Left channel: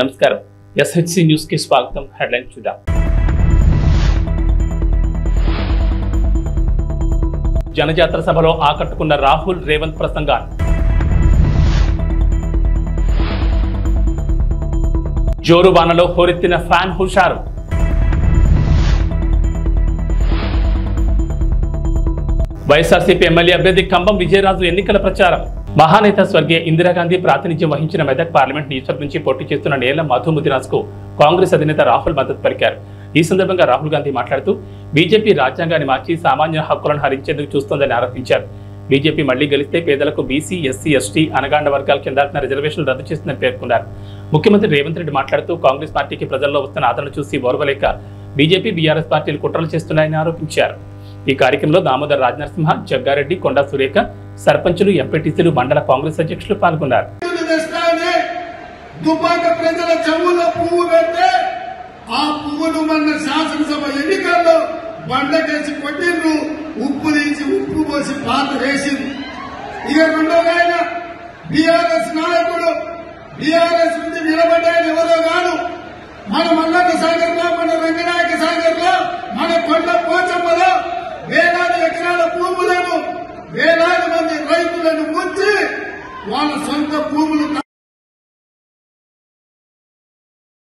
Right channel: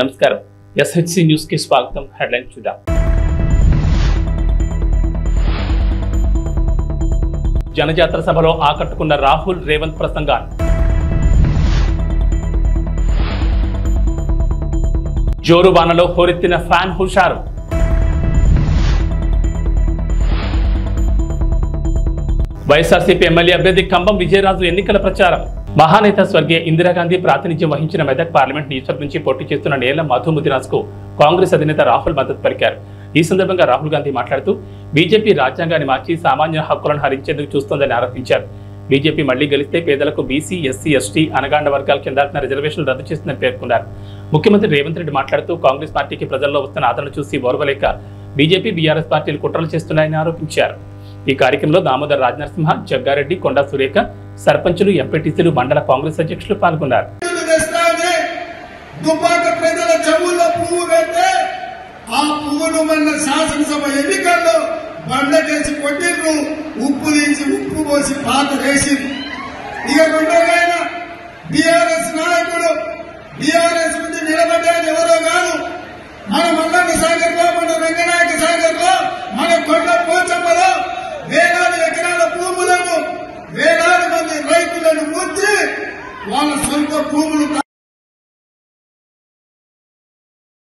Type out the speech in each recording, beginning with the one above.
నమస్కారం SHC news కి స్వాగతం. హెడ్లైన్ చూద్దాం. జనజాతర సభలో ఆకట్టుకున్న రాహుల్ రేవంత్ ప్రసంగాలు. జోరు వానలో హోరెత్తిన ఫ్యాన్ హుషారు. వైఎస్ఆర్సీపీ ఎమ్మెల్యే అభ్యర్థి కంబం విజయరాజు ఎన్నికల ప్రచారం. మహానేత స్వర్గీయ ఇందిరాగాంధీ ప్రాతినిధ్యం వహించిన మెదక్ పార్లమెంట్ నియోజకవర్గం నుంచి పోటీ చేస్తున్న నేల మధు ముదిరాజ్ కు కాంగ్రెస్ అధినేత రాహుల్ మద్దతు పలికారు. ఈ సందర్భంగా రాహుల్ గాంధీ మాట్లాడుతూ బీజేపీ రాజ్యాంగాన్ని మార్చి సామాన్య హక్కులను హరించేందుకు చూస్తోందని ఆరోపించారు. బీజేపీ మళ్లీ గెలిస్తే పేదలకు బీసీ, ఎస్సీ, ఎస్టీ, అనగాండ వర్గాల కింద రిజర్వేషన్లు రద్దు చేస్తుందని పేర్కొన్నారు. ముఖ్యమంత్రి రేవంత్ రెడ్డి మాట్లాడుతూ కాంగ్రెస్ పార్టీకి ప్రజల్లో వస్తున్న ఆదరణ చూసి ఓర్వలేక బీజేపీ, బీఆర్ఎస్ పార్టీలు కుట్రలు చేస్తున్నాయని ఆరోపించారు. ఈ కార్యక్రమంలో దామోదర్ రాజనరసింహ, జగ్గారెడ్డి, కొండా సురేఖ, సర్పంచులు, ఎంపీటీసీలు, మండల కాంగ్రెస్ అధ్యక్షులు పాల్గొన్నారు. శాసనసభ ఎన్నికల్లో బండకేసి కొట్టిండ్రు, ఉప్పు తీసి ఉప్పు పోసి పాత వేసింది. ఇక రెండోనైనా బీఆర్ఎస్ నాయకుడు బీఆర్ఎస్ నుండి నిలబడ్డాడు ఎవరో కాదు, మన మల్లన్న సాగర్ లో, మన రంగనాయక సాగర్ లో, మన కొండ పోచమ్మలో వేలాది ఎకరాల భూములను వేలాది మంది రైతులను ముంచి వాళ్ళ సొంత భూములు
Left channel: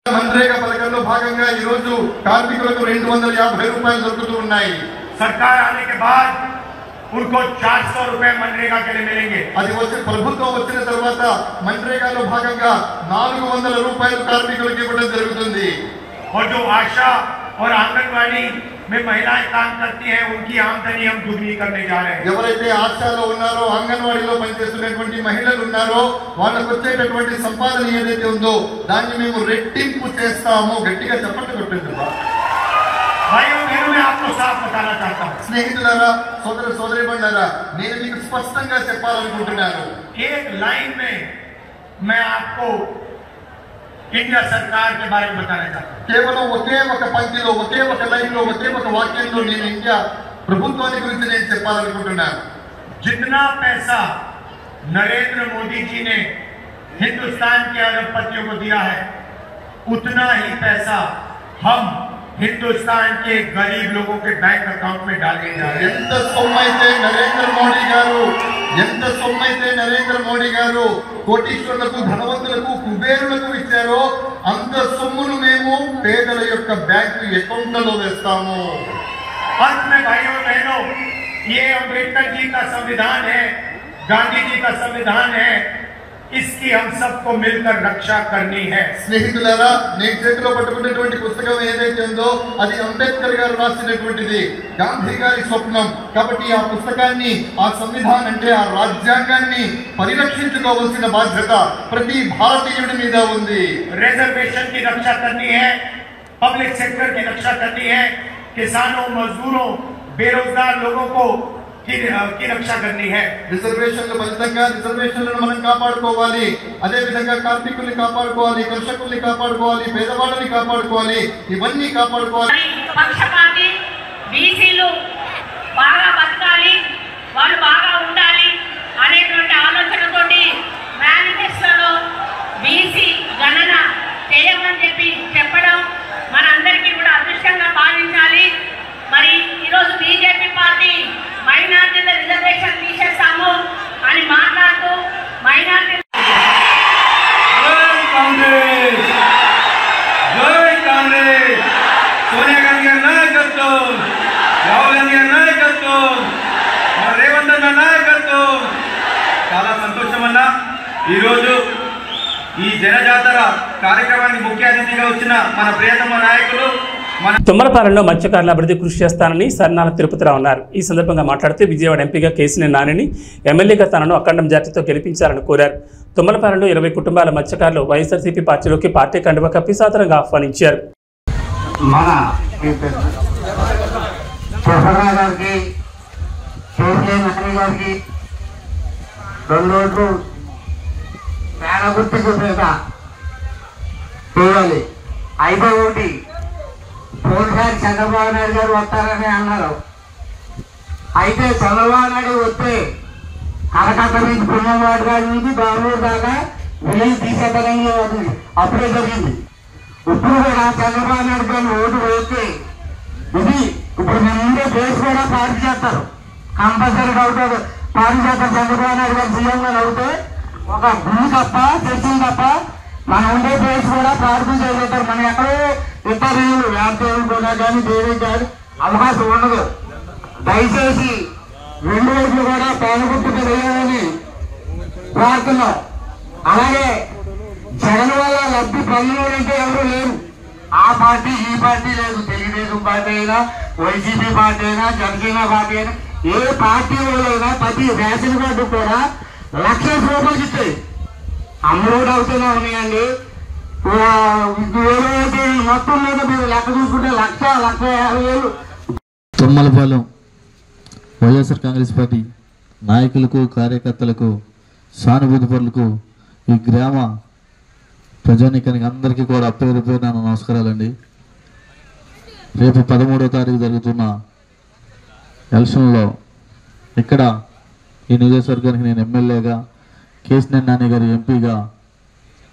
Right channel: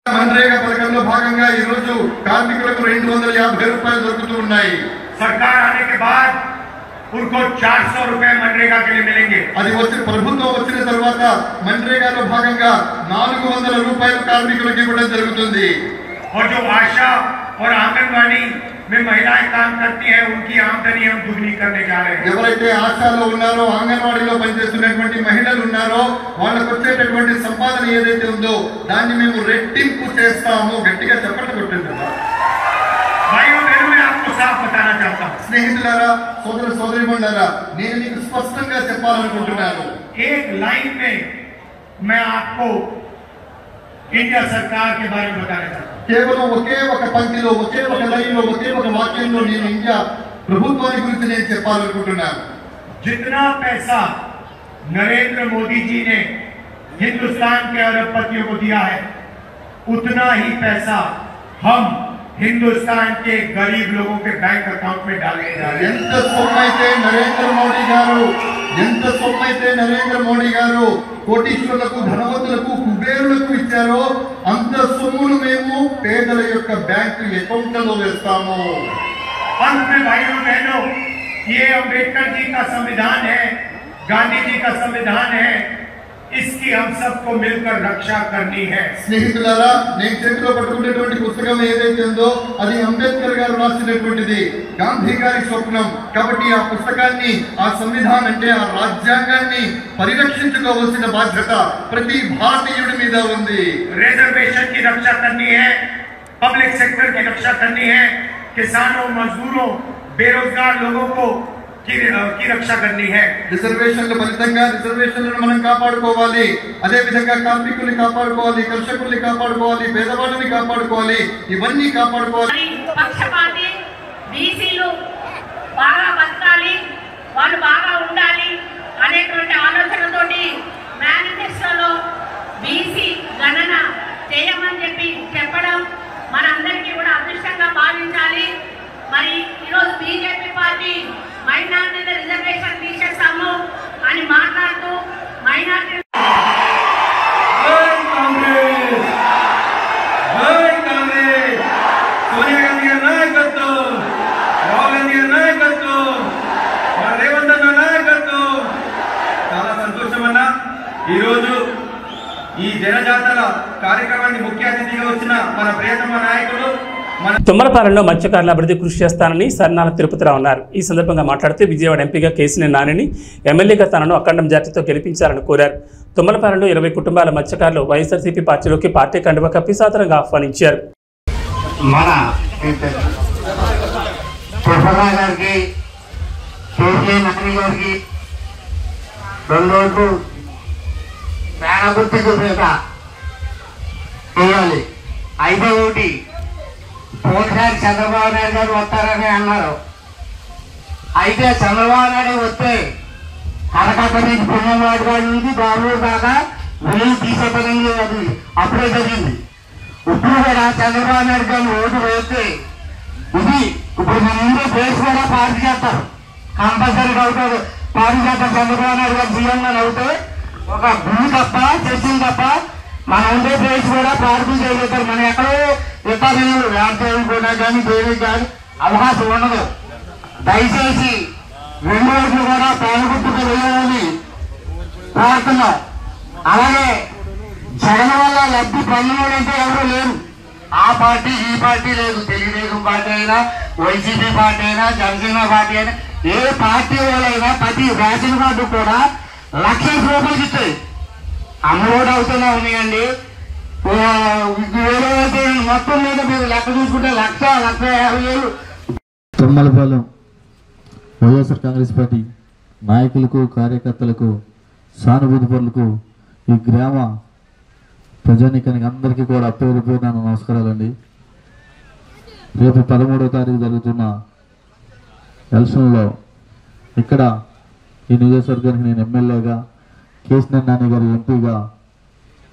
मनरेगा పథకంలో భాగంగా ఈ రోజు కార్మికులకు 250 రూపాయలు దొరుకుతూ ఉన్నాయి. सरकार आने के बाद उनको 400 रुपए मनरेगा के लिए मिलेंगे. అది వచ్చే ప్రభుత్వం వచ్చిన తర్వాత मनरेगाలో భాగంగా 400 రూపాయలు కార్మికులకు ఇవ్వడం జరుగుతుంది. और जो आशा और आंगनवाड़ी में महिलाएं काम करती हैं उनकी आमदनी हम दुगनी करने जा रहे हैं. ఎవరైతే ఆశాలో ఉన్నారో, అంగన్వాడీలో పనిచేస్తున్నటువంటి మహిళలు ఉన్నారో వాళ్ళకు వచ్చేటటువంటి సంపాదన ఏదైతే ఉందో దాన్ని మేము రెట్టింపు చేస్తాము. గట్టిగా చప్పట్లు కొట్టండి. भाइयों बहनों, मैं आपको साफ बताना चाहता हूँ. స్నేహితులారా, సోదర సోదరీమణులారా, నేను మీకు స్పష్టంగా చెప్పాలనుకుంటున్నాను. एक लाइन में मैं आपको इंडिया सरकार के बारे में बताना चाहता हूँ. కేవలం ఒకే ఒక పంక్తిలో, ఒకే ఒక లైన్లో, ఒకే ఒక వాక్యంలో నేను ఇండియా ప్రభుత్వాన్ని గురించి నేను చెప్పాలనుకుంటున్నాను. जितना पैसा नरेंद्र मोदी जी ने हिंदुस्तान के अरबपतियों को दिया है उतना ही पैसा हम हिंदुस्तान के गरीब लोगों के बैंक अकाउंट में डालने जा रहे हैं. ఎంత సొమ్మైతే నరేంద్ర మోడీ గారు కోటీశ్వరులకు, ధనవంతులకు, కుబేరులకు ఇచ్చారో అంత సొమ్మును మేము పేదల యొక్క బ్యాంకు అకౌంట్లలో వేస్తాము. अंत में भाइयों बहनों, ये अम्बेडकर जी का संविधान है, गांधी जी का संविधान है, इसकी हम सबको मिलकर रक्षा करनी है. స్నేహితులారా, నేను చేతిలో పట్టుకున్నటువంటి పుస్తకం ఏదైతే ఉందో అది అంబేద్కర్ గారు రాసినటువంటిది, గాంధీ గారి స్వప్నం. కాబట్టి ఆ పుస్తకాన్ని, ఆ సంవిధానం అంటే ఆ రాజ్యాంగాన్ని పరిరక్షించుకోవాల్సిన బాధ్యత ప్రతి భారతీయుడి మీద ఉంది. रिजर्वेशन की रक्षा करनी है, पब्लिक सेक्टर की रक्षा करनी है, किसानों, मजदूरों, बेरोजगार लोगों को की रक्षा करनी है. రిజర్వేషన్ల ఫలితంగా రిజర్వేషన్లను మనం కాపాడుకోవాలి. అదే విధంగా కార్మికుల్ని కాపాడుకోవాలి, కర్షకుల్ని కాపాడుకోవాలి, పేదవాళ్ళని కాపాడుకోవాలి, ఇవన్నీ కాపాడుకోవాలి. పక్షపాతి బీసీలు బాగా బతకాలి, వాళ్ళు బాగా ఉండాలి అనేటువంటి ఆలోచనతోటి మేనిఫెస్టోలో బీసీ గణన చేయమని చెప్పడం మనందరికీ కూడా అదృష్టంగా భావించాలి. మరి ఈరోజు బీజేపీ పార్టీ మైనార్టీల రిజర్వేషన్ తీసేస్తాము అని మాట్లాడుతూ మైనార్టీ సోనియా గాంధీ గారి నాయకత్వం, రాహుల్ గాంధీ గారి నాయకత్వం, రేవంత్ అన్న నాయకత్వం. చాలా సంతోషం అన్న. ఈరోజు ఈ జనజాతర కార్యక్రమానికి ముఖ్య అతిథిగా వచ్చిన మన ప్రియతమ నాయకులు తుమ్మలపాలెంలో మత్స్యకారుల అభివృద్ధి కృషి చేస్తానని సర్నాల తిరుపతిరావు అన్నారు. ఈ సందర్భంగా మాట్లాడుతూ విజయవాడ ఎంపీగా కేసీఆర్ నానిని, ఎమ్మెల్యేగా తనను అఖండ మెజార్టీతో గెలిపించాలని కోరారు. తుమ్మలపాలెంలో 20 కుటుంబాల మత్స్యకారులు వైఎస్ఆర్సీపీ పార్టీలోకి పార్టీ కండువా కప్పి సాదరంగా ఆహ్వానించారు. అయితే ఒకటి పోయినసారి చంద్రబాబు నాయుడు గారు వస్తారని అన్నారు. అయితే చంద్రబాబు నాయుడు వస్తే కలకత్తా నుంచి పుణ్యవాడ నుంచి బెంగళూరు దాకా వేలు తీసేతనంగా అది అప్పుడే జరిగింది. ఇప్పుడు కూడా చంద్రబాబు నాయుడు గారిని ఓటు వేస్తే ఇది ఇప్పుడు మన ముందే బేస్ కూడా పార్టీ చేస్తారు, కంపల్సరీగా అవుతారు. పార్టీ చేస్తారు. చంద్రబాబు నాయుడు గారు సీఎంగా అవుతే ఒక భూమి తప్ప చర్చలు తప్ప మన ఉండే బేస్ కూడా పార్టీ చేయగలుగుతారు. మనం ఎక్కడో ఇతరులు రాజకీయాలు కూడా కానీ దేనికి కానీ అవకాశం ఉండదు. దయచేసి 2 ఓట్లు కూడా పేదగుట్టుకు వెళ్ళాలని ప్రార్థన. అలాగే జగన్ వల్ల లబ్ధి పొందడంటే ఎవరు లేరు. ఆ పార్టీ ఈ పార్టీ లేదు. తెలుగుదేశం పార్టీ అయినా, వైసీపీ పార్టీ అయినా, జనసేన పార్టీ అయినా, ఏ పార్టీ వాళ్ళైనా ప్రతి రేషన్ కార్డు కూడా 1,00,000 రూపాయలకి ఇస్తాయి. అమౌంట్ అవుతూనే ఉన్నాయండి. వేరే మొత్తం మీద మీరు లెక్క చూసుకుంటే 1,50,000 తుమ్మలపాలెం వైఎస్ఆర్ కాంగ్రెస్ పార్టీ నాయకులకు, కార్యకర్తలకు, సానుభూతి పరులకు, ఈ గ్రామ ప్రజానీకానికి అందరికీ కూడా పేరు పేరున నమస్కారాలండి. రేపు 13వ తారీఖు జరుగుతున్న ఎలక్షన్లో ఇక్కడ ఈ నియోజకవర్గానికి నేను ఎమ్మెల్యేగా, కేశినేని నాని గారు ఎంపీగా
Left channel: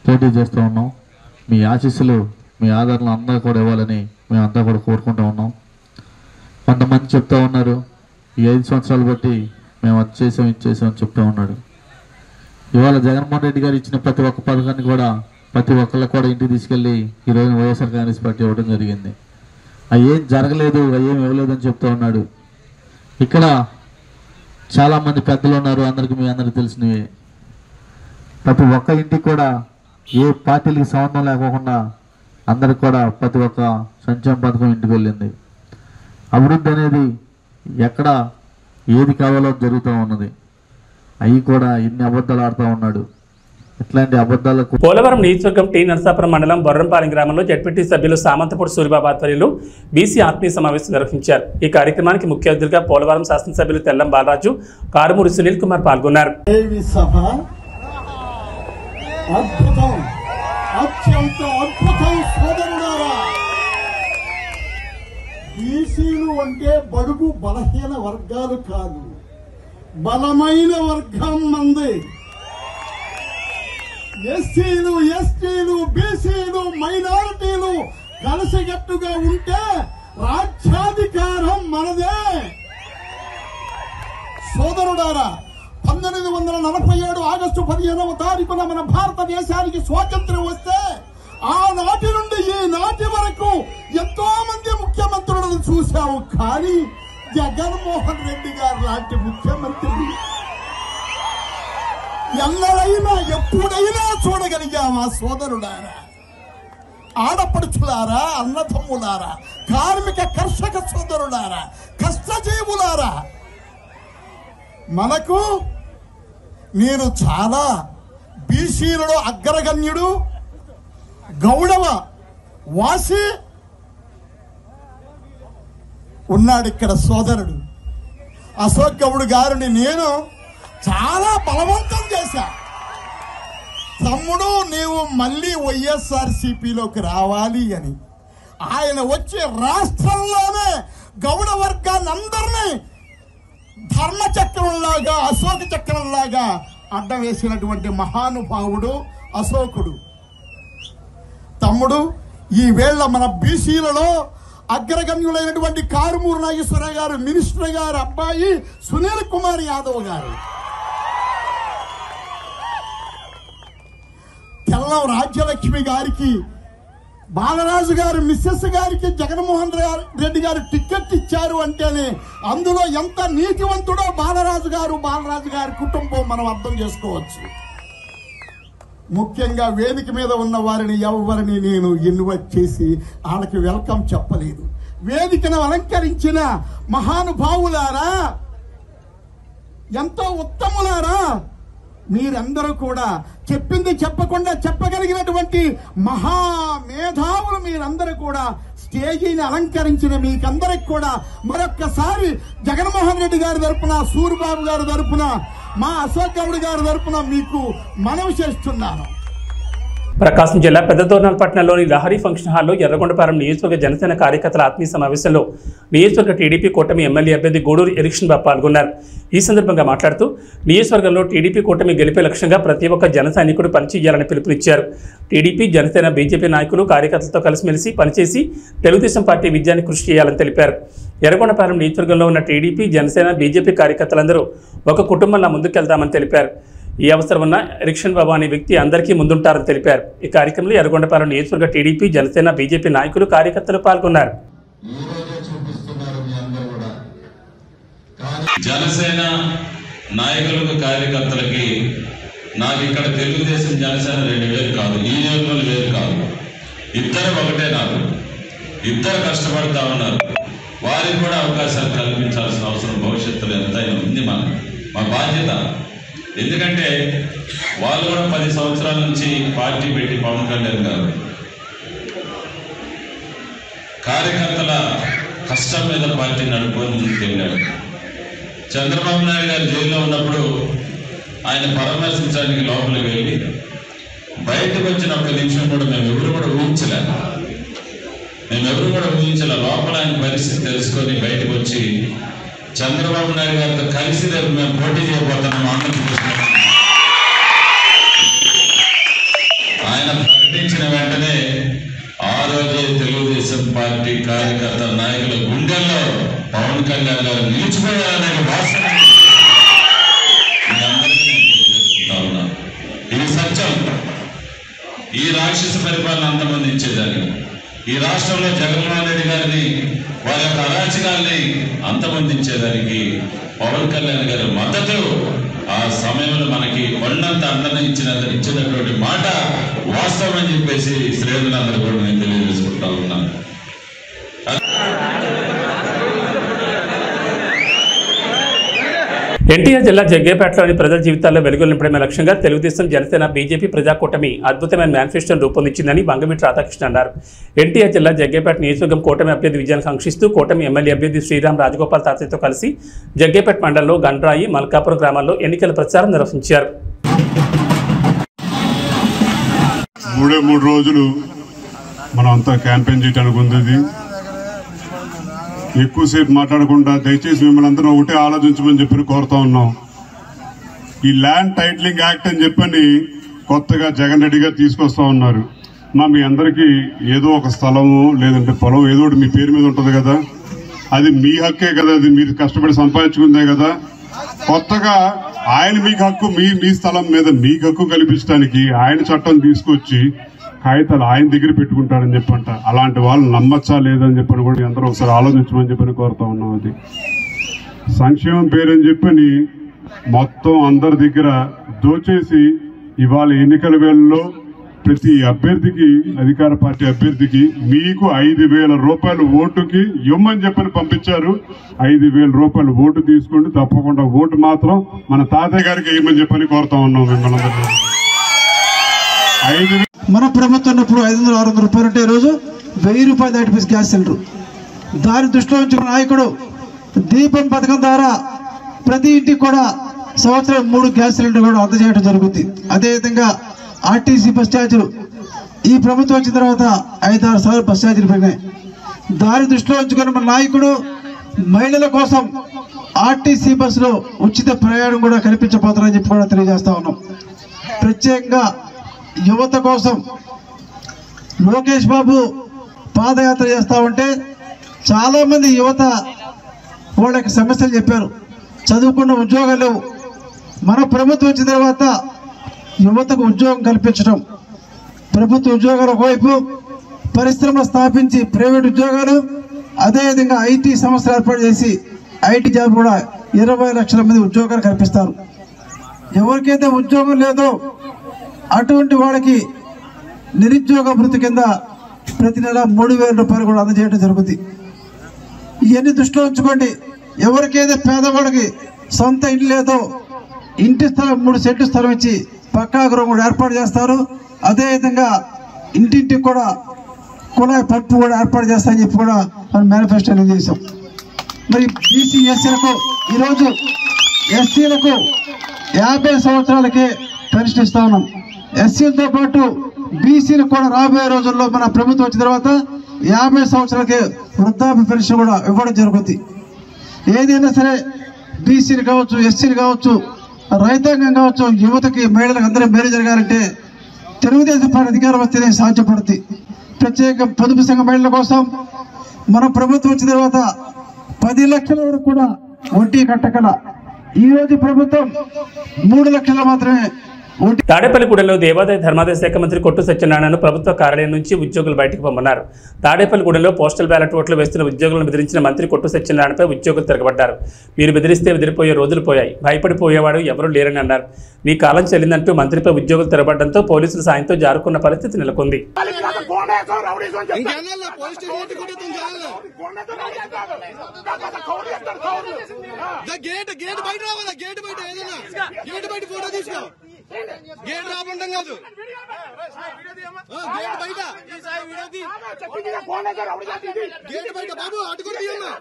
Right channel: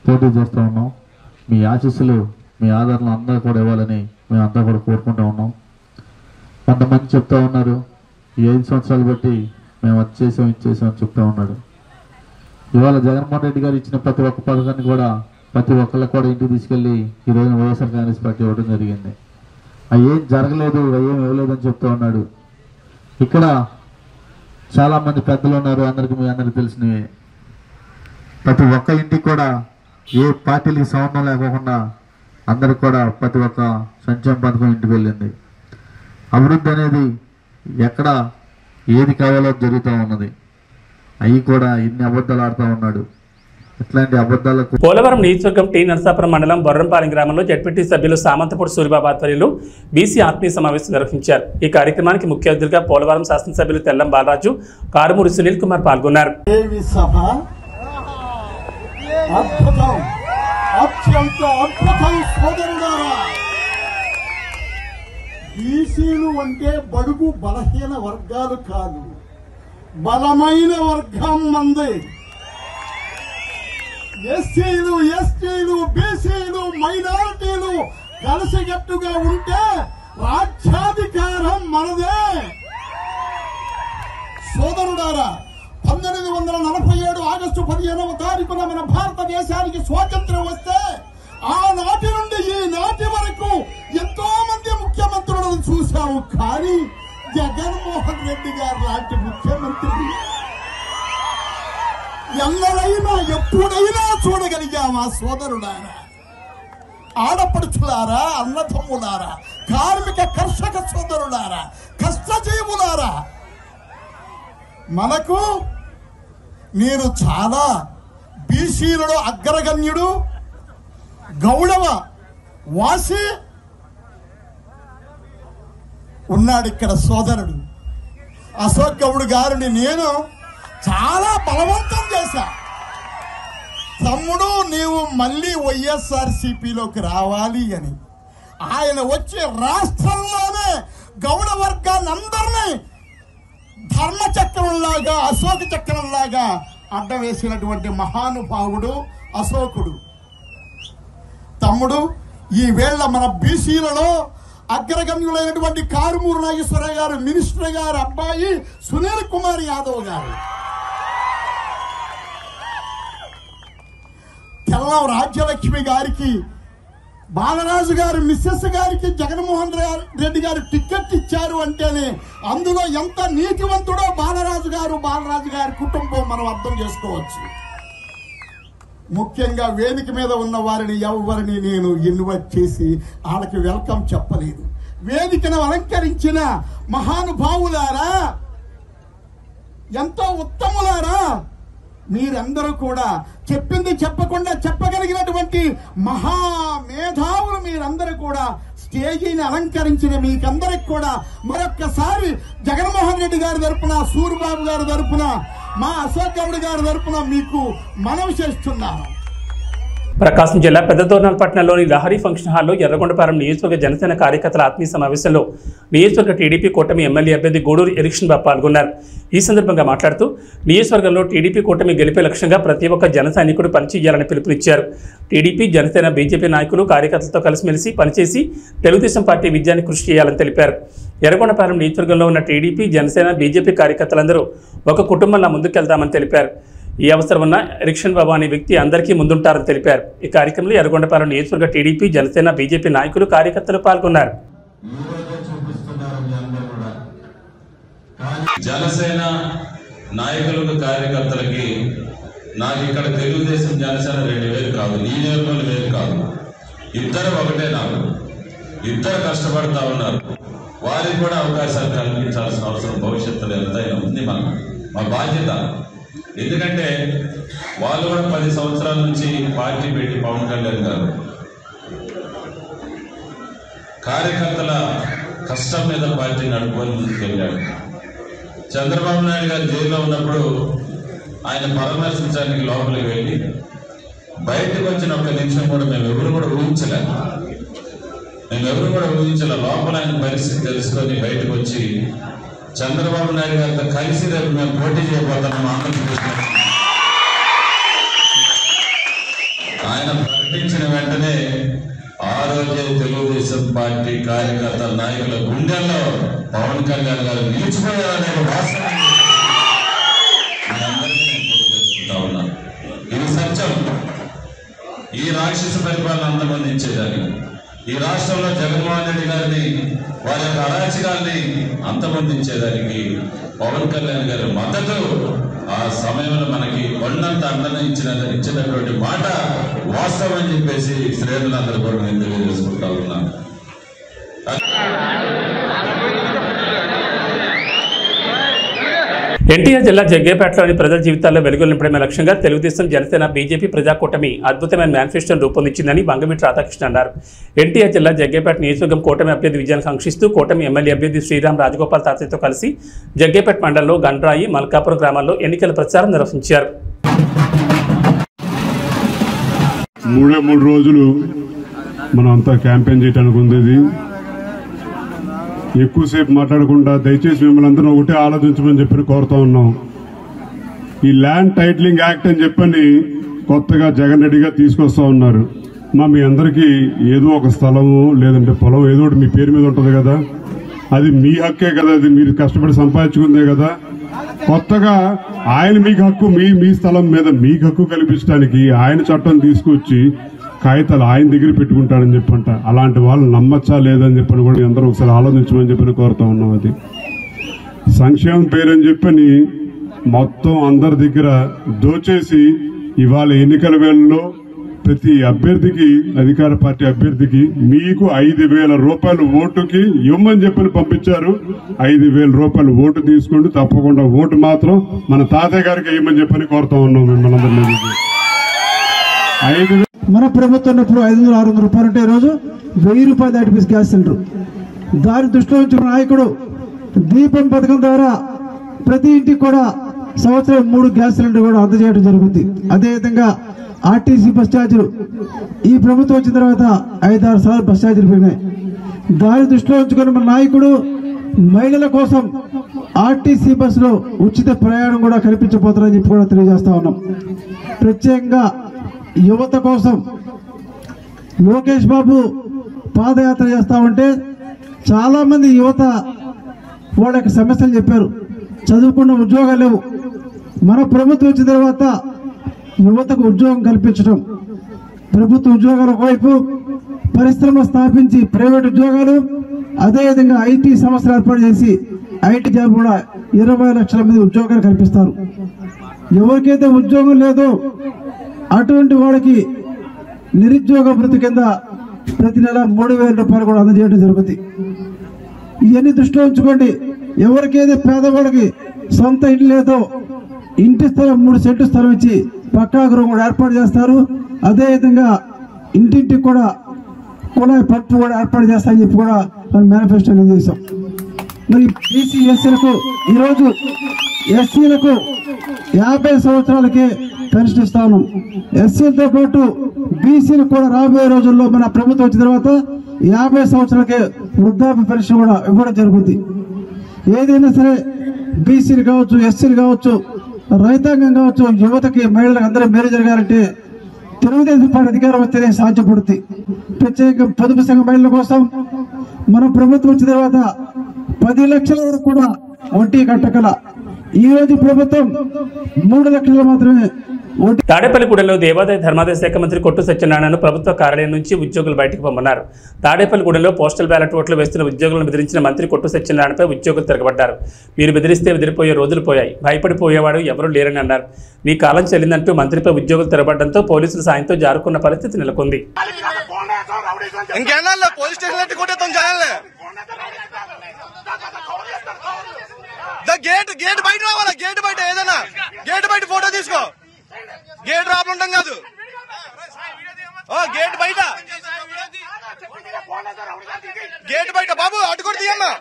పోటీ చేస్తూ ఉన్నాం. మీ ఆశీస్సులు, మీ ఆదరణ అందరూ కూడా ఇవ్వాలని మేమంతా కూడా కోరుకుంటూ ఉన్నాం. కొంతమంది చెప్తా ఉన్నారు, ఈ 5 సంవత్సరాలు బట్టి మేము అది చేసాం, ఇది చేసాం అని చెప్తా ఉన్నాడు. ఇవాళ జగన్మోహన్ రెడ్డి గారు ఇచ్చిన ప్రతి ఒక్క పథకాన్ని కూడా ప్రతి ఒక్కళ్ళకి కూడా ఇంటికి తీసుకెళ్ళి ఈరోజు వైఎస్ఆర్ కాంగ్రెస్ పార్టీ ఇవ్వడం జరిగింది. అవి ఏం జరగలేదు, అవి ఏం ఇవ్వలేదు అని చెప్తా ఉన్నాడు. ఇక్కడ చాలామంది పెద్దలు ఉన్నారు, అందరికీ మీ అందరికీ తెలిసినవి. ప్రతి ఒక్క ఇంటికి కూడా ఏ పార్టీలకి సంబంధం లేకోకుండా అందరికి కూడా ప్రతి ఒక్క సంక్షేమ పథకం ఇంటికి వెళ్ళింది. అభివృద్ధి అనేది ఎక్కడ ఏది కావాలో జరుగుతూ ఉన్నది. అవి కూడా ఇన్ని అబద్ధాలు ఆడుతూ ఉన్నాడు. ఇట్లాంటి అబద్ధాలకు పోలవరం నియోజకవర్గం టీ నరసాపురం మండలం బొర్రంపాలెం గ్రామంలో జడ్పీటీ సభ్యులు సామంతపూడి సూరిబాబు ఆధ్వర్యంలో బీసీ ఆత్మీయ సమావేశం నిర్వహించారు. ఈ కార్యక్రమానికి ముఖ్య అతిథులుగా పోలవరం శాసనసభ్యులు తెల్లం బాలరాజు, కారుమూరి సునీల్ కుమార్ పాల్గొన్నారు. బీసీలు అంటే బడుగు బలహీన వర్గాలు కాదు, బలమైన వర్గం మంది. ఎస్సీలు, ఎస్టీలు, బీసీలు, మైనారిటీలు కలిసికట్టుగా ఉంటే రాజ్యాధికారం మనదే. సోదరుడారా, 1947 ఆగస్టు 15వ తారీఖున మన భారతదేశానికి స్వాతంత్ర్యం వస్తే ఆనాటి నుండి ఈనాటి వరకు ఎంతో మంది ముఖ్యమంత్రులను చూశాము. కానీ జగన్మోహన్ రెడ్డి గారు లాంటి ముఖ్యమంత్రిని ఎన్నడైనా ఎప్పుడైనా చూడగలిగామా? సోదరులారా, ఆడపడుచులారా, అన్నదమ్ములారా, కార్మిక కర్షక సోదరులారా, కష్టజీవులారా, మనకు నేను చాలా బీసీలలో అగ్రగణ్యుడు, గౌడవ వాసి ఉన్నాడు ఇక్కడ సోదరుడు అశోక్ గౌడ్ గారిని నేను చాలా బలవంతం చేశా. తమ్ముడు, నీవు మళ్ళీ వైఎస్ఆర్సీపీలోకి రావాలి అని. ఆయన వచ్చి రాష్ట్రంలోనే గౌడ వర్గాన్ని అందరినీ ధర్మచక్రంలాగా, అశోక చక్రంలాగా అడ్డం వేసినటువంటి మహానుభావుడు అశోకుడు. తమ్ముడు, ఈ వేళ మన బీసీలలో అగ్రగణ్యులైనటువంటి కారుమూరి నాగేశ్వరరావు గారు, మినిస్టర్ గారు అబ్బాయి సునీల్ కుమార్ యాదవ్ గారు, తెల్లం రాజ్యలక్ష్మి గారికి, బాలరాజు గారు మిస్సెస్ గారికి జగన్మోహన్ రెడ్డి గారు టికెట్ ఇచ్చారు అంటేనే అందులో ఎంత నీతివంతుడో బాలరాజు గారి కుటుంబం మనం అర్థం చేసుకోవచ్చు. ముఖ్యంగా వేదిక మీద ఉన్న వారిని ఎవరిని నేను ఇన్వైట్ చేసి వాళ్ళకి వెల్కమ్ చెప్పలేదు. వేదికను అలంకరించిన మహానుభావులారా, ఎంతో ఉత్తములారా, మీరందరూ కూడా చెప్పింది చెప్పకుండా చెప్పగలిగినటువంటి మహామేధావులు మీరందరూ కూడా స్టేజీని అలంకరించిన మీకందరికి కూడా మరొక్కసారి జగన్మోహన్ రెడ్డి గారి తరపున, సూరిబాబు గారి తరపున, మా అశోక్ గౌడ్ గారి తరపున మీకు మనవి చేస్తున్నాను. ప్రకాశం జిల్లా పెద్దదోర్నాలపట్నంలోని లహరి ఫంక్షన్ హాల్లో ఎర్రగొండపాలెం నియోజకవర్గ జనసేన కార్యకర్తల ఆత్మీయ సమావేశంలో నియోజకవర్గ టీడీపీ కూటమి ఎమ్మెల్యే అభ్యర్థి గూడూరు ఎరిక్షన్ బాబు పాల్గొన్నారు. ఈ సందర్భంగా మాట్లాడుతూ నియోజకవర్గంలో టీడీపీ కూటమి గెలిపే లక్ష్యంగా ప్రతి ఒక్క జన సైనికుడు పనిచేయాలని పిలుపునిచ్చారు. టీడీపీ, జనసేన, బీజేపీ నాయకులు కార్యకర్తలతో కలిసిమెలిసి పనిచేసి తెలుగుదేశం పార్టీ విజయాన్ని కృషి చేయాలని తెలిపారు. ఎర్రగొండపాలెం నియోజకవర్గంలో ఉన్న టీడీపీ, జనసేన, బీజేపీ కార్యకర్తలందరూ ఒక కుటుంబంలా ముందుకెళ్తామని తెలిపారు. ఈ అవసరం ఉన్న ఎరిక్షన్ బాబు అనే వ్యక్తి అందరికీ ముందుంటారని తెలిపారు. ఈ కార్యక్రమంలో ఎర్రగొండపాలెం నియోజకవర్గ టీడీపీ, జనసేన, బీజేపీ నాయకులు కార్యకర్తలు పాల్గొన్నారు. జనసేన నాయకులకు కార్యకర్తలకి నాకు ఇక్కడ తెలుగుదేశం జనసేన 2 వేలు కాదు, ఈ నియోజకవర్గం వేరు కాదు, ఇద్దరు ఒకటే. నాకు ఇద్దరు కష్టపడతా ఉన్నారు. వారికి కూడా అవకాశాలు కల్పించాల్సిన అవసరం భవిష్యత్తులో ఎంతైనా ఉంది. మా బాధ్యత. ఎందుకంటే వాళ్ళు కూడా 10 సంవత్సరాల నుంచి పార్టీ పెట్టి పవన్ కళ్యాణ్ గారు కార్యకర్తల కష్టం మీద పార్టీ నడుపుకొని ముందుకెళ్ళాడు. చంద్రబాబు నాయుడు గారు జైల్లో ఉన్నప్పుడు ఆయన పరామర్శించడానికి లోపలికి వెళ్ళి బయటకు వచ్చిన 1 నిమిషం కూడా మేమెవరు కూడా ఊహించలే. లోపల ఆయన పరిస్థితి తెలుసుకొని బయటకు వచ్చి చంద్రబాబు నాయుడు గారితో కలిసి రేపు మేము పోటీ చేయబోతున్నాం ఆంధ్రప్రదేశ్. ఆయన ప్రకటించిన వెంటనే ఆ రోజే తెలుగుదేశం పార్టీ కార్యకర్త నాయకుల గుండెల్లో పవన్ కళ్యాణ్ గారు నిలిచిపోయారనే వాస్తవం ఇది సత్యం. ఈ రాక్షస పరిపాలన అంతమందించేదాన్ని, ఈ రాష్ట్రంలో జగన్మోహన్ రెడ్డి గారిని వారి యొక్క అరాచకాల్ని అంతమొందించేదానికి పవన్ కళ్యాణ్ గారి మద్దతు ఆ సమయంలో మనకి కొండంత అండన ఇచ్చినటువంటి మాట వాస్తవం అని చెప్పేసి శ్రేణులందరూ కూడా నేను తెలియజేసుకుంటా ఉన్నాను. ఎన్టీఆర్ జిల్లా జగ్గేపేటలోని ప్రజల జీవితాల్లో వెలుగులు నింపడమే లక్ష్యంగా తెలుగుదేశం, జనసేన, బీజేపీ ప్రజా కూటమి అద్భుతమైన మేనిఫెస్టోను రూపొందించిందని బంగమిటి రాధాకృష్ణ అన్నారు. ఎన్టీఆర్ జిల్లా జగ్గేపేట నియోజకవర్గం కూటమి అభ్యర్థి విజయాన్ని కాంక్షిస్తూ కూటమి ఎమ్మెల్యే అభ్యర్థి శ్రీరామ్ రాజగోపాల్ తాతయ్యతో కలిసి జగ్గేపేట మండలంలో గండ్రాయి, మల్కాపురం గ్రామాల్లో ఎన్నికల ప్రచారం నిర్వహించారు. 3 రోజులు మనం అంతా క్యాంపెయిన్ చేయడానికి ఉంది. ఎక్కువసేపు మాట్లాడకుండా దయచేసి మిమ్మల్ని అందరూ ఒకటే ఆలోచించమని చెప్పి కోరుతా ఉన్నాం. ఈ ల్యాండ్ టైటిలింగ్ యాక్ట్ అని చెప్పని కొత్తగా జగన్ రెడ్డి గారు తీసుకొస్తా ఉన్నారు. మీ అందరికీ ఏదో ఒక స్థలము లేదంటే పొలం ఏదో ఒకటి మీ పేరు మీద ఉంటుంది కదా, అది మీ హక్కే కదా, అది మీరు కష్టపడి సంపాదించుకుందే కదా. కొత్తగా ఆయన మీకు హక్కు, మీ స్థలం మీద మీకు హక్కు కల్పించడానికి ఆయన చట్టం తీసుకొచ్చి కాగితాలు ఆయన దగ్గర పెట్టుకుంటాడని చెప్పంట. అలాంటి వాళ్ళు నమ్మచ్చా లేదని చెప్పని కూడా అందరూ ఒకసారి ఆలోచించమని చెప్పని కోరుతా ఉన్నాం. అది సంక్షేమం పేరని చెప్పని మొత్తం అందరి దగ్గర దోచేసి ఇవాళ ఎన్నికల వేళల్లో ప్రతి అభ్యర్థికి, అధికార పార్టీ అభ్యర్థికి మీకు 5,000 రూపాయలు ఓటుకి ఇవ్వమని చెప్పని పంపించారు. 5,000 రూపాయలు ఓటు తీసుకోండి, తప్పకుండా ఓటు మాత్రం మన తాతయ్య గారికి ఇవ్వమని చెప్పని కోరుతా ఉన్నాం మిమ్మల్ని అందరినీ. మన ప్రభుత్వం ఉన్నప్పుడు 500-600 రూపాయలు అంటే ఈరోజు 1000 రూపాయలు దాటిపోయి గ్యాస్ సిలిండర్. దాని దృష్టిలో ఉంచిన నాయకుడు దీపం పథకం ద్వారా ప్రతి ఇంటికి కూడా సంవత్సరం 3 గ్యాస్ సిలిండర్ కూడా అందజేయడం జరుగుతుంది. అదేవిధంగా ఆర్టీసీ బస్ ఛార్జీలు ఈ ప్రభుత్వం వచ్చిన తర్వాత 5-6 సార్లు బస్ ఛార్జీలు పెరిగినాయి. దాని దృష్టిలో ఉంచుకొని మన నాయకుడు మహిళల కోసం ఆర్టీసీ బస్సులో ఉచిత ప్రయాణం కూడా కల్పించబోతున్నారని చెప్పి కూడా తెలియజేస్తా ఉన్నాం. ప్రత్యేకంగా యువత కోసం లోకేష్ బాబు పాదయాత్ర చేస్తా ఉంటే చాలా మంది యువత వాళ్ళ యొక్క సమస్యలు చెప్పారు. చదువుకున్న ఉద్యోగాలు లేవు. మన ప్రభుత్వం వచ్చిన తర్వాత యువతకు ఉద్యోగం కల్పించడం, ప్రభుత్వ ఉద్యోగాల వైపు పరిశ్రమ స్థాపించి ప్రైవేట్ ఉద్యోగాలు, అదేవిధంగా ఐటీ సంస్థలు ఏర్పాటు చేసి ఐటీ జాబ్ కూడా 20 లక్షల మంది ఉద్యోగాలు కల్పిస్తారు. ఎవరికైతే ఉద్యోగం లేదో అటువంటి వాళ్ళకి నిరుద్యోగ భృతి కింద ప్రతి నెల 3,000 రూపాయలు కూడా అందజేయడం జరుగుతుంది. ఇవన్నీ దృష్టిలో ఉంచుకోండి. ఎవరికైతే పేదవాళ్ళకి సొంత ఇంటి లేదో ఇంటి స్థలం 3 సెంట్లు స్థలం ఇచ్చి పక్కా గృహం కూడా ఏర్పాటు చేస్తారు. అదేవిధంగా ఇంటింటికి కూడా కుళాయి పట్టు కూడా ఏర్పాటు చేస్తామని చెప్పి కూడా మనం మేనిఫెస్టోలో చేశాం. మరి బీసీ ఎస్సీలకు ఈరోజు ఎస్సీలకు 50 సంవత్సరాలకే పెన్షన్ ఇస్తా ఉన్నాం. ఎస్సీలతో పాటు బీసీలు కూడా రాబోయే రోజుల్లో మన ప్రభుత్వం వచ్చిన తర్వాత 50 సంవత్సరాలకే వృద్ధాప్య పెన్షన్ కూడా ఇవ్వడం జరుగుతుంది. ఏదైనా సరే బీసీలు కావచ్చు, ఎస్సీలు కావచ్చు, రైతాంగం కావచ్చు, యువతకి, మహిళలకు అందరూ మేలు జరగాలంటే తెలుగుదేశం పార్టీ అధికారం వస్తేనే సాధ్యపడుతుంది. ప్రత్యేక పొదుపు సంఘ మహిళల కోసం మన ప్రభుత్వం వచ్చిన తర్వాత 10 లక్షల వరకు కూడా వడ్డీ కట్టగల ఈ రోజు ప్రభుత్వం 3 లక్షలు మాత్రమే. తాడేపల్లిగూడెంలో దేవాదాయ ధర్మాదాయ శాఖ మంత్రి కొట్టు సత్యనారాయణను ప్రభుత్వ కార్యాలయం నుంచి ఉద్యోగులు బయటకు పొమ్మన్నారు. తాడేపల్లిగూడెంలో పోస్టల్ బ్యాలెట్ ఓట్లు వేస్తున్న ఉద్యోగులను బెదిరించిన మంత్రి కొట్టు సత్యనారాయణపై ఉద్యోగులు తిరగబడ్డారు. మీరు బెదిరిస్తే బెదిరిపోయే రోజులు పోయాయి, భయపడిపోయేవాడు ఎవరూ లేరని అన్నారు. నీ కాలం చెల్లిందంటూ మంత్రిపై ఉద్యోగులు తిరగబడడంతో పోలీసుల సాయంతో జారుకున్న పరిస్థితి నెలకొంది. గేట్ బయట రావాలా, గేట్ బయట ఏదైనా గేట్ బయట ఫోటో తీసుకో, గేట్ రాబడం కాదు, గేట్ బయట, గేట్ బయట బాబు అటు కూడా తీయమ్మా,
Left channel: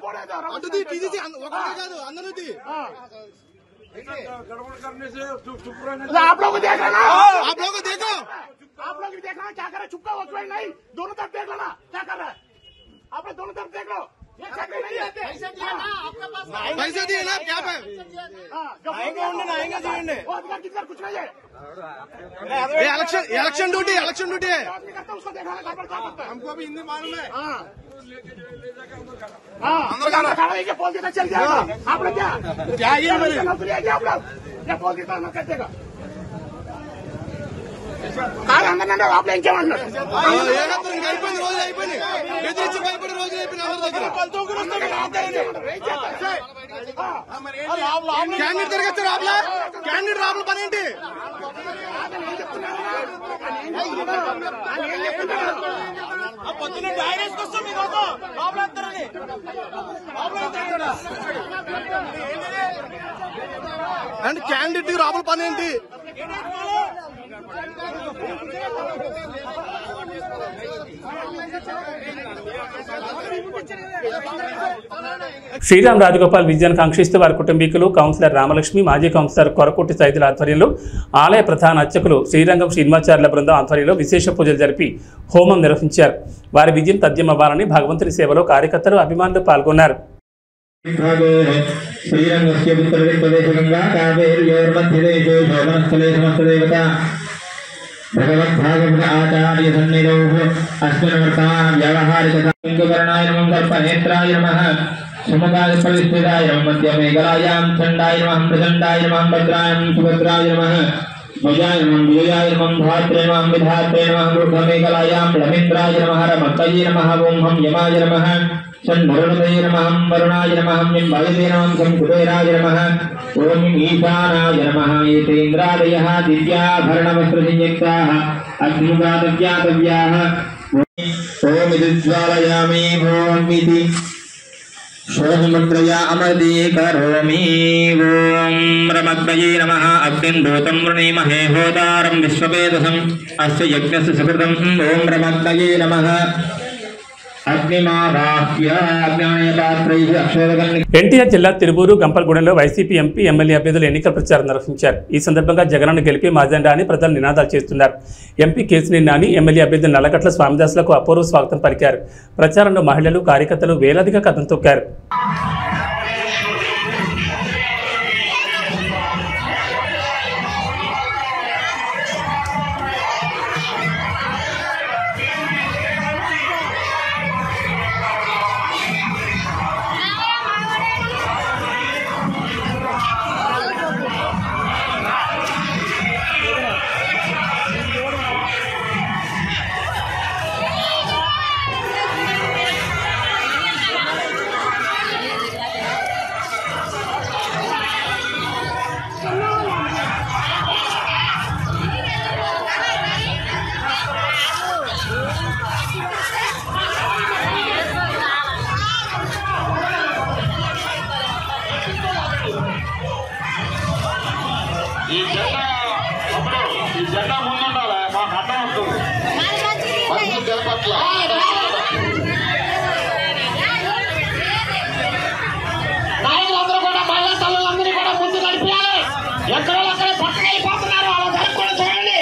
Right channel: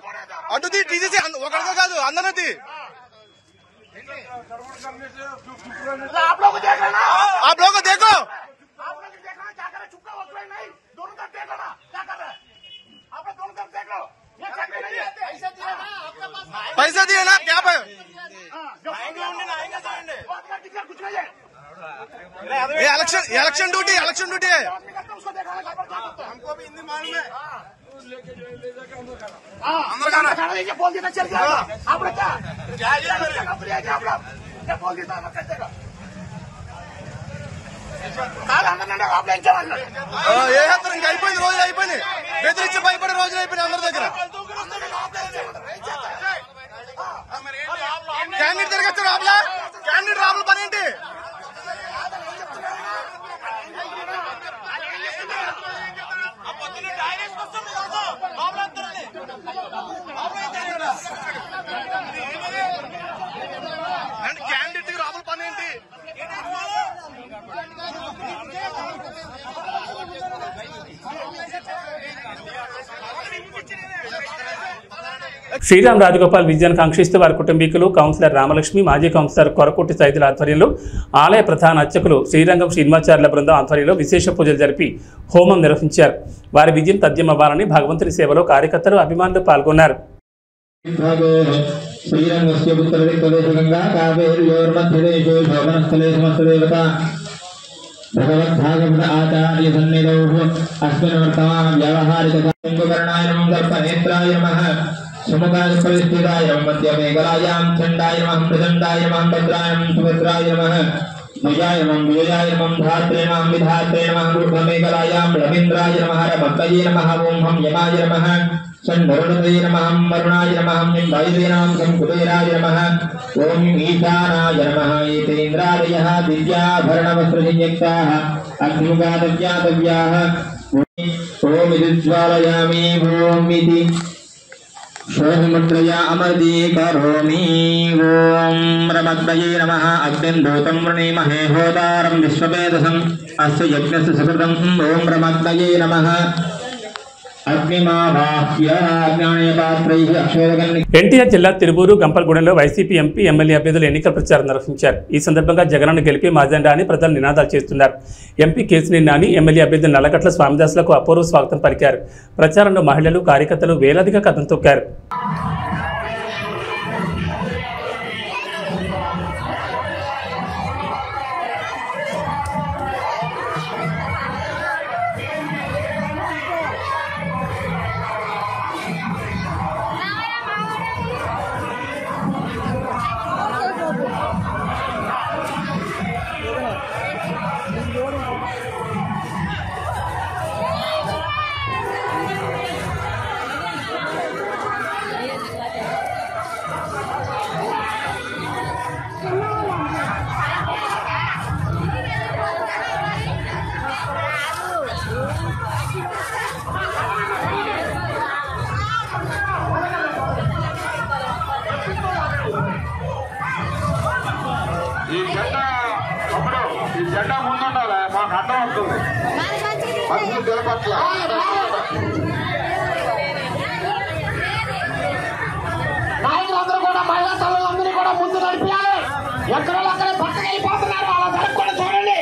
అటు తీసేసి ఒకరితో కాదు అందరూ आप लोग देखो पैसा दिए ना क्या पे इलेक्शन ड्यूटी है हमको भी हिंदी मालूम है। चल जाएगा आप लोग क्या ఏ హత్రం ఇంకా అయిపోయింది, రోజులు అయిపోయినాయి, బెదిరించి భయపడే రోజులు అయిపోయినాయి అందరి దగ్గర. క్యాండిడేట్ తిరగచ్చు రాబులా, క్యాండిడేట్ రాబుల పని ఏంటి? అంటే క్యాండిడేట్ రాబుల పని ఏంటి? శ్రీరామ్ రాజగోపాల్ విజయాన్ని కాంక్షిస్తూ వారి కుటుంబీకులు, కౌన్సిలర్ రామలక్ష్మి, మాజీ కౌన్సిలర్ కొరకోటి సైదుల ఆధ్వర్యంలో ఆలయ ప్రధాన అర్చకులు శ్రీరంగం శ్రీనివాచార్యుల బృందం ఆధ్వర్యంలో విశేష పూజలు జరిపి హోమం నిర్వహించారు. వారి విజయం తథ్యమవ్వాలని భగవంతుని సేవలో కార్యకర్తలు, అభిమానులు పాల్గొన్నారు. भगवद्भागवत आचार्य सन्निधौ अस्मिन् वर्तमान व्यावहारिक करणाय नमः, सर्पनेत्राय नमः, सुमुखाय परिस्थिताय नमः, मध्यमेकलायां चण्डाय नमः, प्रचण्डाय नमः, भद्राय नमः, सुभद्राय नमः, भुजाय नमः, विजयाय नमः, धात्रे नमः, विधात्रे नमः, मूर्धमेकलायां रवीन्द्राय नमः, रमतये नमः, ओं हम यमाय नमः, षण्वरुणते नमः, वरुणाय नमः, वायुवे नमः, शङ्कुटेराय नमः, ओं ईशानाय नमः। एतेन्द्रादयः दिव्याभरणवस्त्रसंयुक्ताः अग्निमुखादव्यातव्याः ओं विद्ज्वालयामि ओं इति शोभमुद्रया अमृते करोमि। ओं रमद्वये नमः। अग्निं दूतं वृणीमहे होतारं विश्ववेदसम् अस्य यज्ञस्य सुकृतम्। ओं रमद्वये नमः। ఎన్టీఆర్ జిల్లా తిరువూరు, గంపలగూడెంలో వైసీపీ ఎంపీ, ఎమ్మెల్యే అభ్యర్థులు ఎన్నికల ప్రచారం నిర్వహించారు. ఈ సందర్భంగా జగనన్న గెలిపి మాజెండా అని ప్రజలు నినాదాలు చేస్తున్నారు. ఎంపీ కేసినేని నాని, ఎమ్మెల్యే అభ్యర్థి నల్లగట్ల స్వామిదాసులకు అపూర్వ స్వాగతం పలికారు. ప్రచారంలో మహిళలు, కార్యకర్తలు వేలాదిగా కథం తొక్కారు. నాయకులందరూ కూడా మహిళా తల్లులందరినీ కూడా ముందు నడిపించాలి. ఎక్కడో అక్కడే పక్కన వెళ్ళిపోతున్నారు, అలా జరగకుండా చూడండి.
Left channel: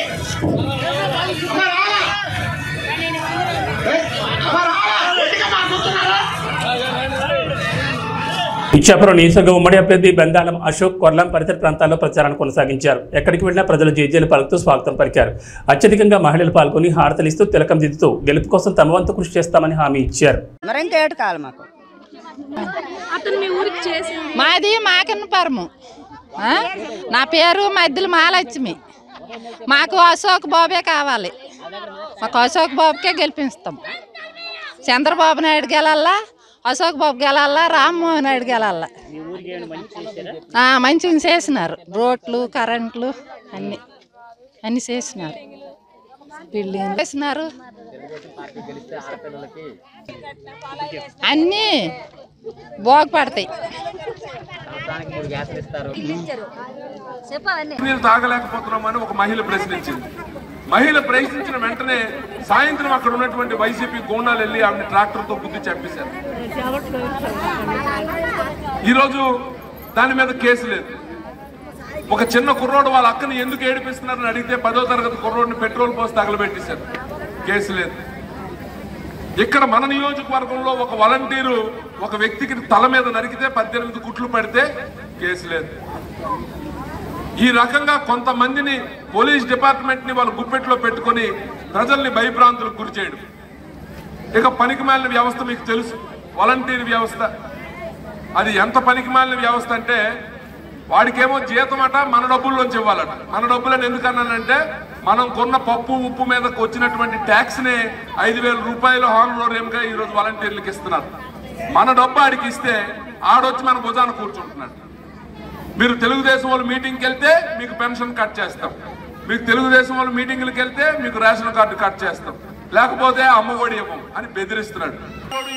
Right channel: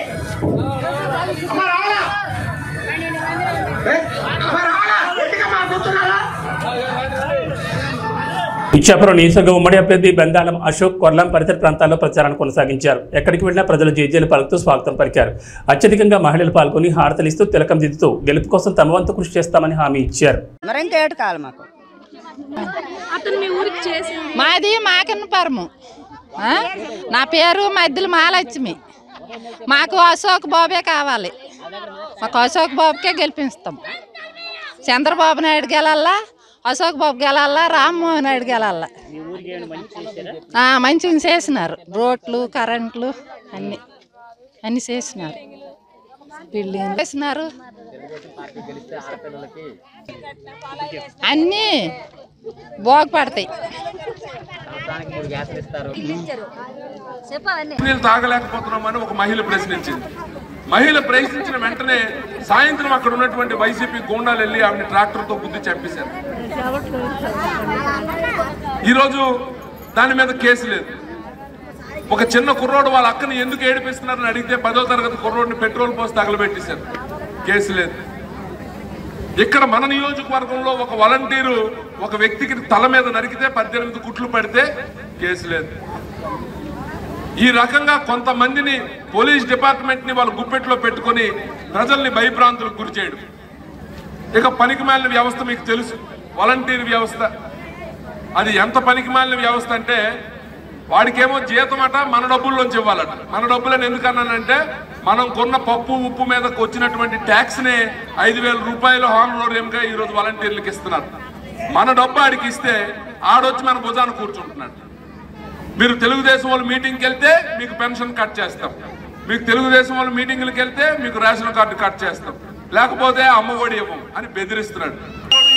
ఇచ్చాపురం నియోజకవర్గ ఉమ్మడి అభ్యర్థి బెందాలం అశోక్ కొర్లం పరిసర ప్రాంతాల్లో ప్రచారాన్ని కొనసాగించారు. ఎక్కడికి వెళ్లినా ప్రజలు జేజేలు పలుకుతూ స్వాగతం పలికారు. అత్యధికంగా మహిళలు పాల్గొని హారతలిస్తూ తిలకం దిద్దుతూ గెలుపు కోసం తమ వంతు కృషి చేస్తామని హామీ ఇచ్చారు. మాది మాకన్నపురము. నా పేరు మధ్యలో మహాలక్ష్మి. మాకు అశోక్ బాబే కావాలి. మాకు అశోక్ బాబుకే గెలిపిస్తాం. చంద్రబాబు నాయుడు గెలల్లా, అశోక్ బాబు గెలల్లా, రామ్మోహన్ నాయుడు గెలల్లా. మంచిగా చేసినారు. రోడ్లు, కరెంట్లు అన్ని చేసినారు. బిల్డింగ్ చేసినారు. అన్నీ బాగుపడతాయి. నీళ్ళు తాగలేకపోతున్నామని ఒక మహిళ ప్రశ్నించింది. మహిళ ప్రశ్నించిన వెంటనే సాయంత్రం అక్కడ ఉన్నటువంటి వైసీపీ గూండాలు వెళ్ళి ఆమెను ట్రాక్టర్తో గుద్ది చంపేశారు. ఈరోజు దాని మీద కేసు లేదు. ఒక చిన్న కుర్రోడు వాళ్ళ అక్కని ఎందుకు ఏడిపిస్తున్నారని అడిగితే 10వ తరగతి కుర్రోడిని పెట్రోల్ పోసి తగలబెట్టేశారు. కేసు లేదు. ఇక్కడ మన నియోజకవర్గంలో ఒక వాలంటీరు ఒక వ్యక్తికి తల మీద నరికితే 18 కుట్లు పడితే కేసు లేదు. ఈ రకంగా కొంతమందిని పోలీస్ డిపార్ట్మెంట్ ని వాళ్ళు గుప్పెట్లో పెట్టుకుని ప్రజల్ని భయభ్రాంతులకు గురి చేయడం. ఇక పనికిమాలిన వ్యవస్థ మీకు తెలుసు, వాలంటీర్ వ్యవస్థ. అది ఎంత పనికిమాలిన వ్యవస్థ అంటే వాడికేమో జీతం అట మన డబ్బుల్లోంచి ఇవ్వాలట. మన డబ్బులని ఎందుకన్నానంటే మనం కొన్న పప్పు ఉప్పు మీదకి వచ్చినటువంటి ట్యాక్స్ నే 5,000 రూపాయలు హానరోరియంగా ఈరోజు వాలంటీర్లకు ఇస్తున్నారు. మన డబ్బు ఆడికి ఇస్తే ఆడొచ్చి మన భుజాన కూర్చుంటున్నాడు. మీరు తెలుగుదేశం వాళ్ళు మీటింగ్కి వెళ్తే మీకు పెన్షన్ కట్ చేస్తాం, మీకు తెలుగుదేశం వాళ్ళు మీటింగ్లకు వెళ్తే మీకు రేషన్ కార్డు కట్ చేస్తాం, లేకపోతే అమ్మఒడి ఇవ్వం అని బెదిరిస్తున్నాడు.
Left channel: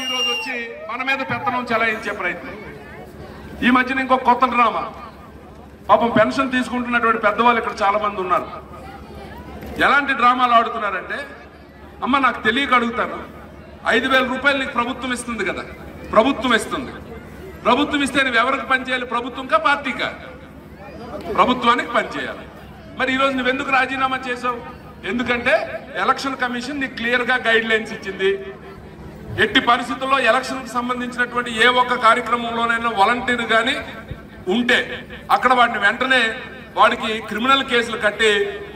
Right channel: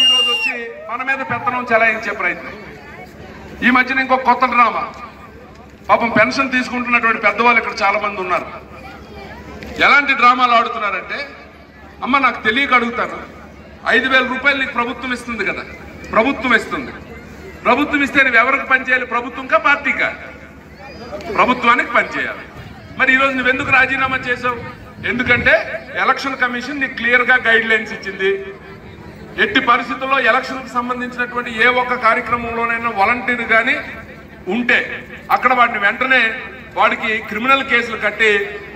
ఈరోజు వచ్చి మన మీద పెత్తనం చెలాయించే ప్రయత్నం. ఈ మధ్యన ఇంకో కొత్త డ్రామా. పాపం పెన్షన్ తీసుకుంటున్నటువంటి పెద్దవాళ్ళు ఇక్కడ చాలా మంది ఉన్నారు. ఎలాంటి డ్రామాలు ఆడుతున్నారంటే, అమ్మ నాకు తెలియక అడుగుతాను, 5,000 రూపాయలు నీకు ప్రభుత్వం ఇస్తుంది కదా, ప్రభుత్వం ఇస్తుంది. ప్రభుత్వం ఇస్తే నువ్వు ఎవరికి పనిచేయాలి? ప్రభుత్వంకా పార్టీకా? ప్రభుత్వానికి పనిచేయాలి. మరి ఈరోజు నువ్వెందుకు రాజీనామా చేశావు? ఎందుకంటే ఎలక్షన్ కమిషన్ నీకు క్లియర్ గా గైడ్ లైన్స్ ఇచ్చింది. ఎట్టి పరిస్థితుల్లో ఎలక్షన్ కు సంబంధించినటువంటి ఏ ఒక్క కార్యక్రమంలోనైనా వాలంటీర్ గాని ఉంటే అక్కడ వాడిని వెంటనే వాడికి క్రిమినల్ కేసులు కట్టి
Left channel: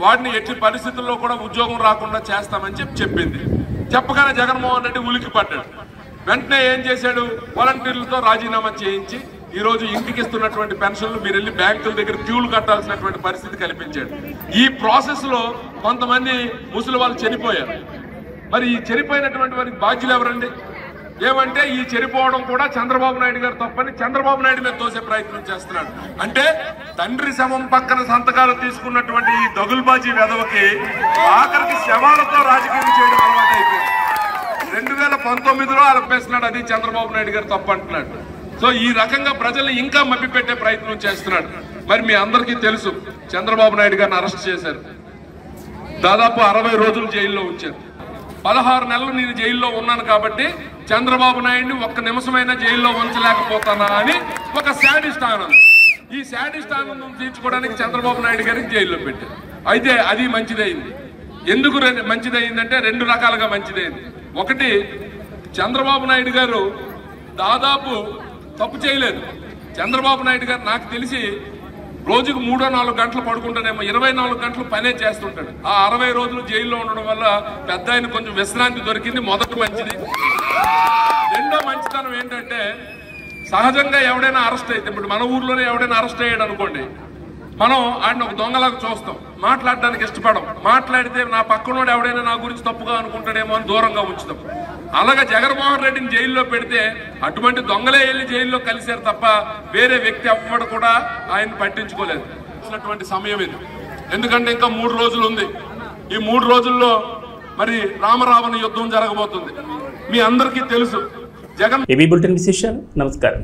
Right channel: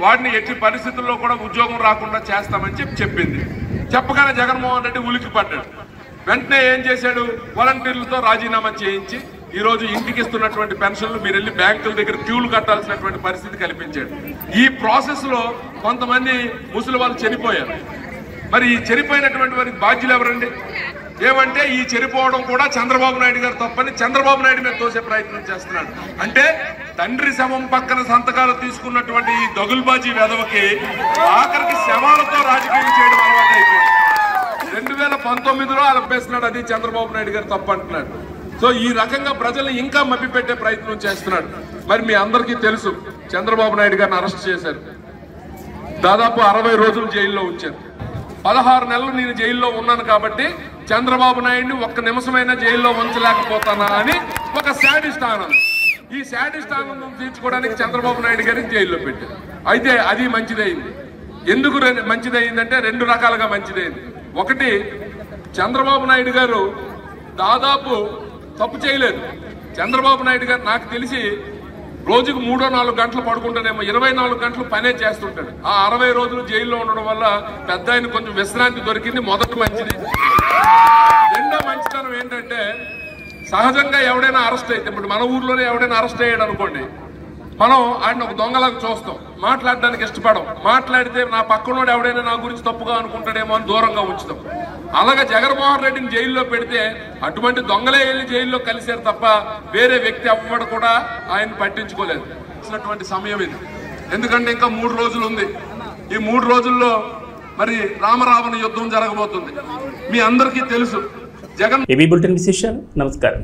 వాడిని ఎట్టి పరిస్థితుల్లో కూడా ఉద్యోగం రాకుండా చేస్తామని చెప్పింది. చెప్పగానే జగన్మోహన్ రెడ్డి ఉలికి పడ్డాడు. వెంటనే ఏం చేశాడు? వాలంటీర్లతో రాజీనామా చేయించి ఈ రోజు ఇంటికి ఇస్తున్నటువంటి పెన్షన్లు మీరు వెళ్ళి బ్యాంకుల దగ్గర క్యూలు కట్టాల్సినటువంటి పరిస్థితి కల్పించాడు. ఈ ప్రాసెస్ లో కొంతమంది ముసలి వాళ్ళు చనిపోయారు. మరి ఈ చనిపోయినటువంటి వారికి బాధ్యులు ఎవరండి? ఏమంటే ఈ చనిపోవడం కూడా చంద్రబాబు నాయుడు గారు తప్పని చంద్రబాబు నాయుడు మీద తోసే ప్రయత్నం చేస్తున్నాడు. అంటే తండ్రి శవం పక్కన సంతకాలు తీసుకున్నటువంటి ఈ దగుల్బాజీ వెధవకి ఆఖరికి శవాలతో రాజకీయం చేయడం అలవాటు అయిపోయింది. 2019లో అలపేస్తున్నాడు, అది చంద్రబాబు నాయుడు గారు తప్పు అంటున్నాడు. సో ఈ రకంగా ప్రజల్ని ఇంకా మభ్యపెట్టే ప్రయత్నం చేస్తున్నాడు. మరి మీ అందరికీ తెలుసు, చంద్రబాబు నాయుడు గారిని అరెస్ట్ చేశారు. దాదాపు 60 రోజులు జైల్లో ఉంచారు. 16 నెలలు నేను జైల్లో ఉన్నాను కాబట్టి చంద్రబాబు నాయుడిని ఒక్క నిమిషమైనా జైల్లో ఉంచలేకపోతానా అని ఒక శాడిస్ట్ ఆనందం. ఈ శాడిస్ట్ ఆనందం తీర్చుకోవడానికి చంద్రబాబు నాయుడు గారికి జైల్లో పెట్టారు. అయితే అది మంచిదైంది. ఎందుకు మంచిదైందంటే 2 రకాలుగా మంచిదైంది. ఒకటి, చంద్రబాబు నాయుడు గారు దాదాపు తప్పు చేయలేదు. చంద్రబాబు నాయుడు గారు నాకు తెలిసి రోజుకు 3-4 గంటలు పడుకుంటానేమో, 24 గంటలు పనే చేస్తుంటాడు. ఆ 60 రోజులు జైల్లో ఉండడం వల్ల పెద్ద ఆయన కొంచెం విశ్రాంతి దొరికింది. మొదటి మంచిది. రెండో మంచితనం ఏంటంటే, సహజంగా ఎవడైనా అరెస్ట్ అయితే, ఇప్పుడు మన ఊర్లోనే ఎవడైనా అరెస్ట్ అయ్యాడు అనుకోండి, మనం ఆయన ఒక దొంగలాగా చూస్తాం, మాట్లాడడానికి ఇష్టపడం. మాట్లాడితే నా పక్కనోడు ఎవడైనా నా గురించి తప్పుగా అనుకుంటాడేమో అని దూరంగా ఉంచుతాం. అలాగే జగన్మోహన్ రెడ్డిని జైల్లో పెడితే అటువంటి దొంగలే వెళ్ళి జైల్లో కలిశారు తప్ప వేరే వ్యక్తి ఎవ్వడు కూడా ఆయన పట్టించుకోలేదు. సమయం ఇది. ఎందుకంటే ఇంకా 3 రోజులు ఉంది. ఈ 3 రోజుల్లో మరి రామరావణ యుద్ధం జరగబోతుంది. మీ అందరికీ తెలుసు. జగన్ ఏబీ బులెటిన్ విశేషాలు. నమస్కారం.